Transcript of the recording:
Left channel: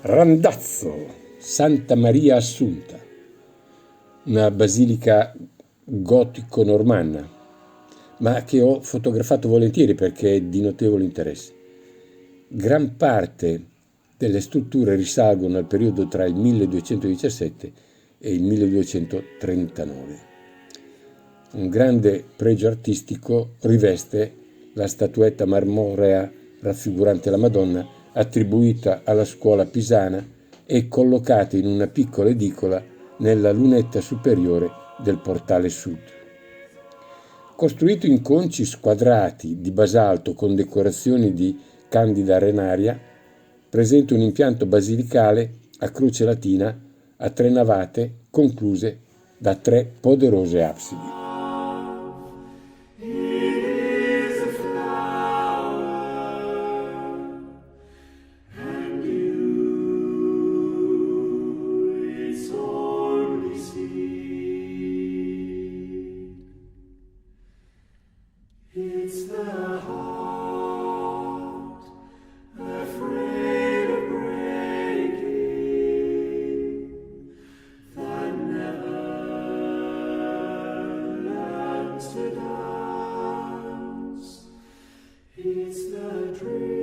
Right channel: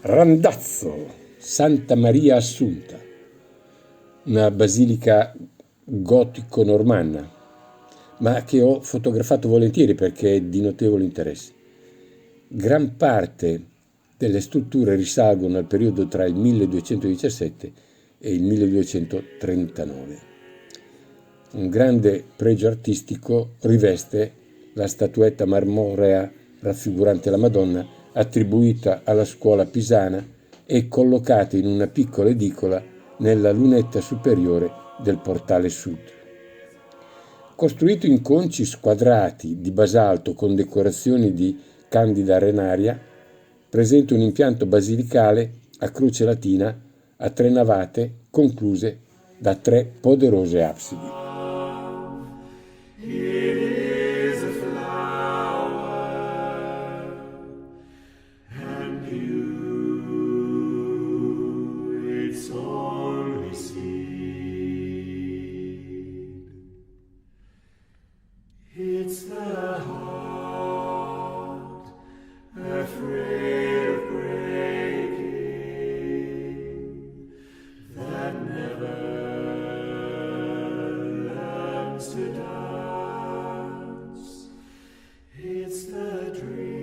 Randazzo, Santa Maria Assunta, una basilica gotico-normanna, ma che ho fotografato volentieri perché è di notevole interesse. Gran parte delle strutture risalgono al periodo tra il 1217 e il 1239. Un grande pregio artistico riveste la statuetta marmorea raffigurante la Madonna, attribuita alla scuola pisana e collocata in una piccola edicola nella lunetta superiore del portale sud. Costruito in conci squadrati di basalto con decorazioni di candida arenaria, presenta un impianto basilicale a croce latina a 3 navate concluse da 3 poderose absidi. It's the heart, afraid of breaking, that never learns to dance. It's the dream.